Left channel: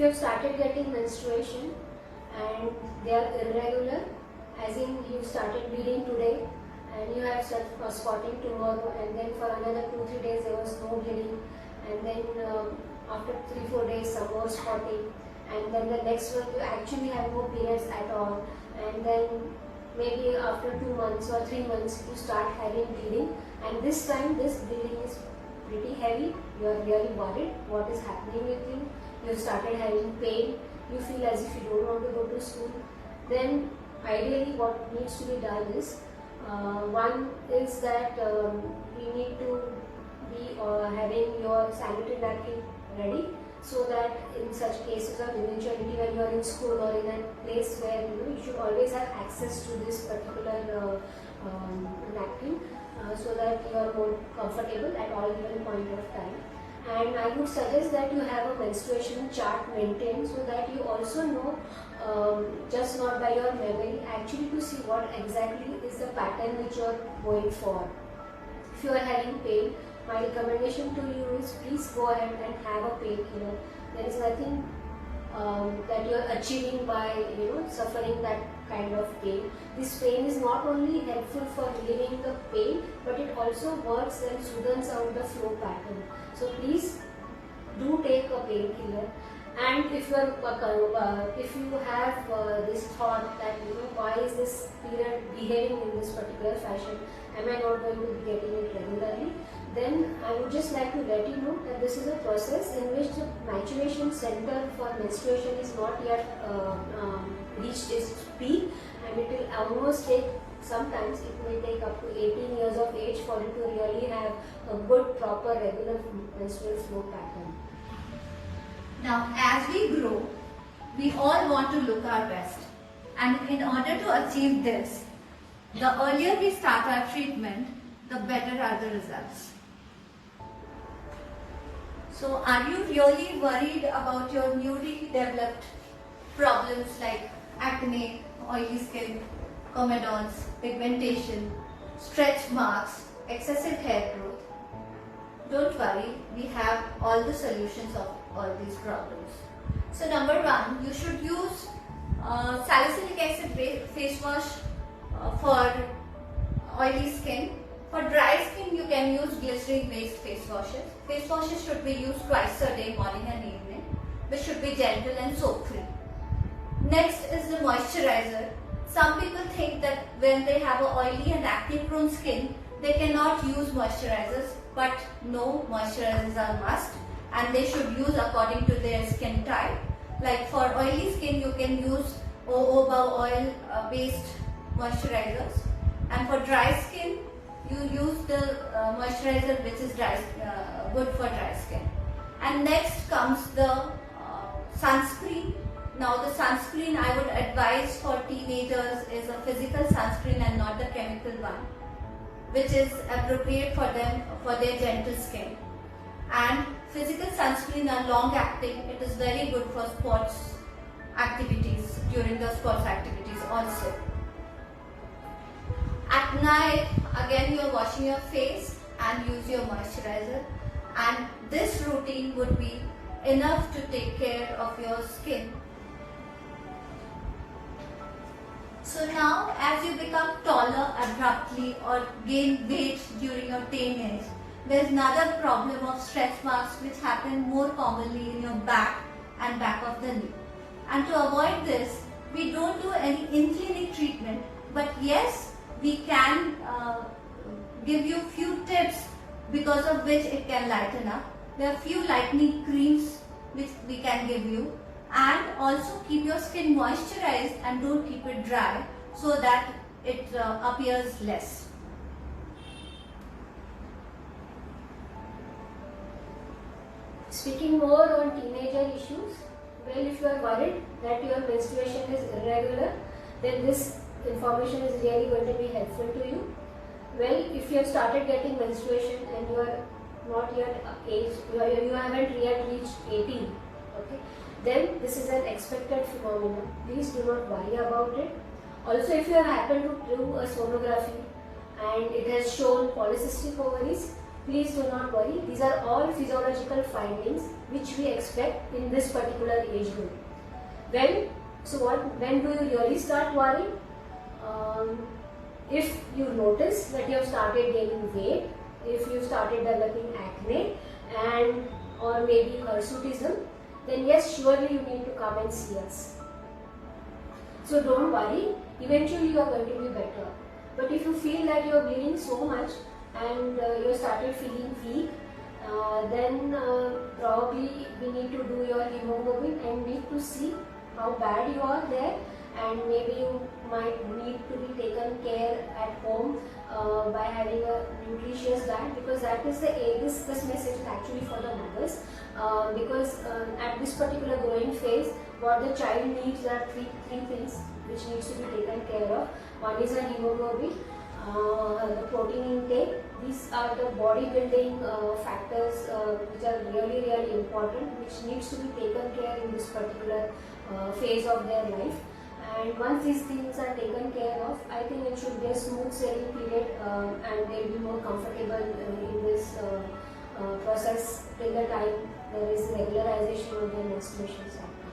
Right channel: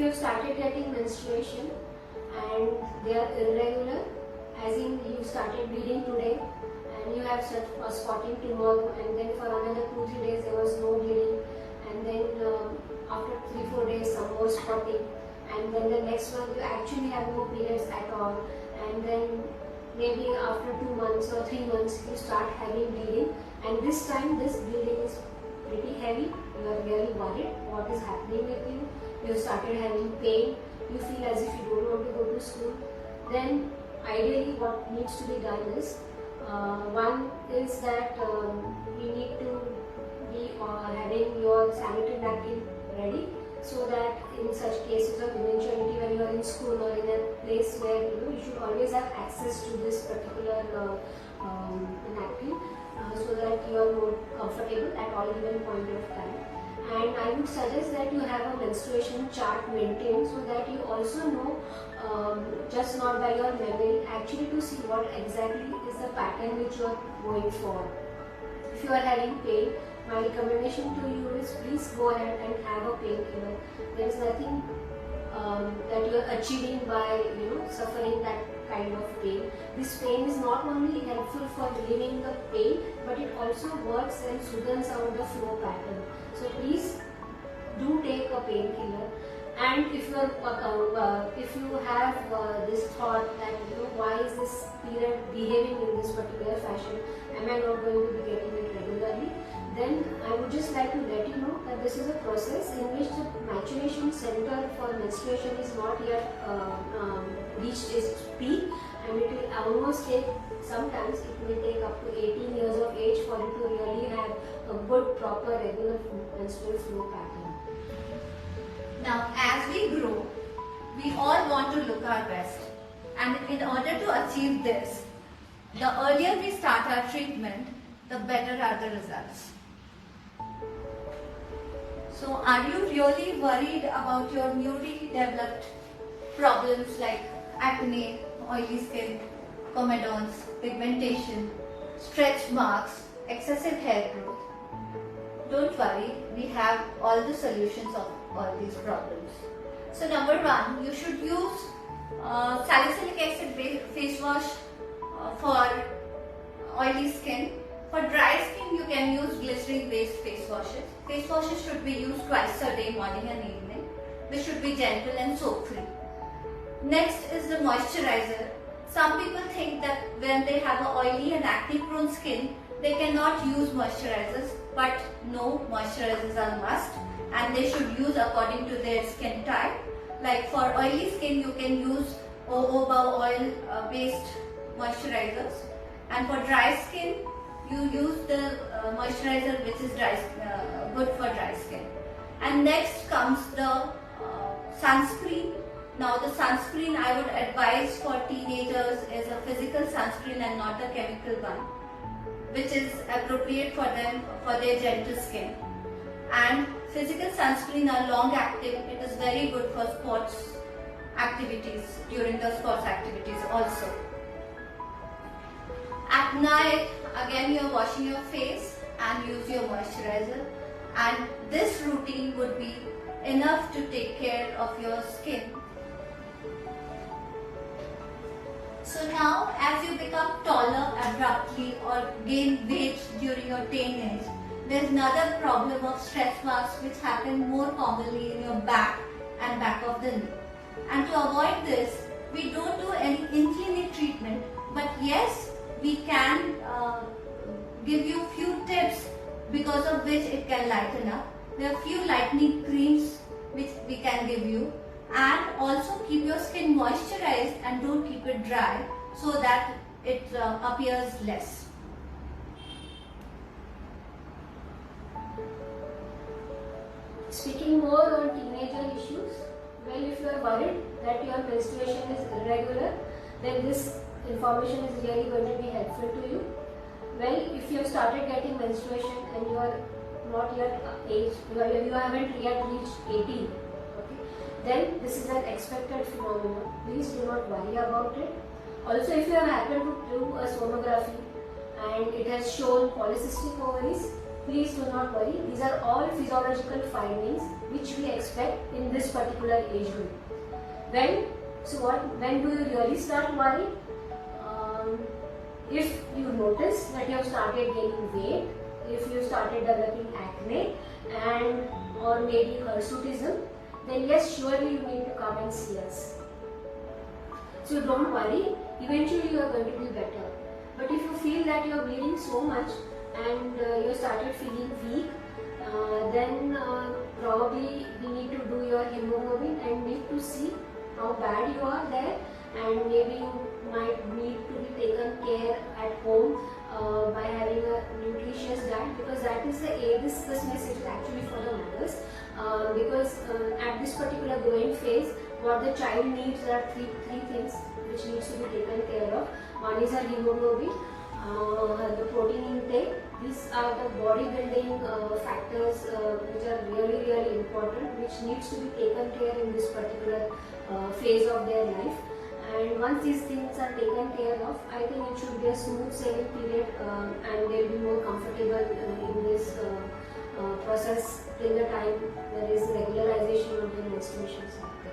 you have started getting menstruation and they are irregular, as in you started bleeding today and you have spotting tomorrow, and then for another 2-3 days there was no bleeding, and then after 3-4 days some more spotting, and then the next one you actually have no periods at all, and then maybe after 2 months or 3 months you start having bleeding, and this time this bleeding is pretty heavy, you are really worried what is happening with you, you started having pain, you feel as if you don't want to go to school, then ideally what needs to be done is, one is that you need to be having your sanitary napkin ready, so that in such cases of eventuality when you are in school or in a place where you should always have access to this particular napkin, so that you are more comfortable at all given point of time. And I would suggest that you have a menstruation chart maintained, so that you also know, just not by your memory, actually to see what exactly is the pattern which you are going for. If you are having pain, my recommendation to you is please go ahead and have a painkiller. There is nothing that you are achieving by suffering that kind of pain. This pain is not only helpful for relieving the pain, but it also works and soothes out the flow pattern. So please do take a painkiller. And if you have this thought that why is this period behaving in this particular fashion, am I not going to be getting it regularly, then I would just like to let you know that this is a process in which the maturation center for menstruation is not yet reached its peak, and it will almost take, sometimes it may take up to 18 years of age for you to really have a good, proper, regular menstrual flow pattern. Now, as we grow, we all want to look our best, and in order to achieve this, the earlier we start our treatment, the better are the results. So, are you really worried about your newly developed problems like acne, oily skin, comedons, pigmentation, stretch marks, excessive hair growth? Don't worry, we have all the solutions of all these problems. So number one, you should use salicylic acid face wash for oily skin. For dry skin, you can use glycerin based face washes. Face washes should be used twice a day, morning and evening, which should be gentle and soap free. Next is the moisturizer. Some people think that when they have an oily and acne prone skin, they cannot use moisturizers, but no, moisturizers are must, and they should use according to their skin type. Like for oily skin, you can use jojoba oil based moisturizers, and for dry skin, you use the moisturizer which is good for dry skin. And next comes the sunscreen. Now the sunscreen I would advise for teenagers is a physical sunscreen and not a chemical one, which is appropriate for them for their gentle skin. And physical sunscreen are long acting. It is very good for sports activities, during the sports activities also. At night, again you are washing your face and use your moisturizer, and this routine would be enough to take care of your skin. So now, as you become taller abruptly or gain weight during your teenage, there is another problem of stretch marks which happen more commonly in your back and back of the knee. And to avoid this, we don't do any in-clinic treatment, but yes, we can give you few tips because of which it can lighten up. There are few lightening creams which we can give you, and also keep your skin moisturized and don't keep it dry so that it appears less. Speaking more on teenager issues, well, if you are worried that your menstruation is irregular, then this information is really going to be helpful to you. Well, if you have started getting menstruation and you are not yet age, you haven't yet reached 18, okay, then this is an expected phenomenon. Please do not worry about it. Also, if you have happened to do a sonography and it has shown polycystic ovaries, please do not worry. These are all physiological findings which we expect in this particular age group. When do you really start worrying? If you notice that you have started gaining weight, if you started developing acne and or maybe hirsutism, then yes, surely you need to come and see us. So don't worry, eventually you are going to be better. But if you feel that you are bleeding so much and you started feeling weak, then probably we need to do your hemoglobin and need to see how bad you are there, and maybe you might need to be taken care at home by having a nutritious diet, because that is this message is actually for the mothers, because at this particular growing phase what the child needs are three things which needs to be taken care of. One is a hemoglobin, the protein intake. These are the bodybuilding factors which are really important, which needs to be taken care in this particular phase of their life. And once these things are taken care of, I think it should be a smooth sailing period, and they'll be more comfortable in this process till the time there is regularization of the menstruation cycle.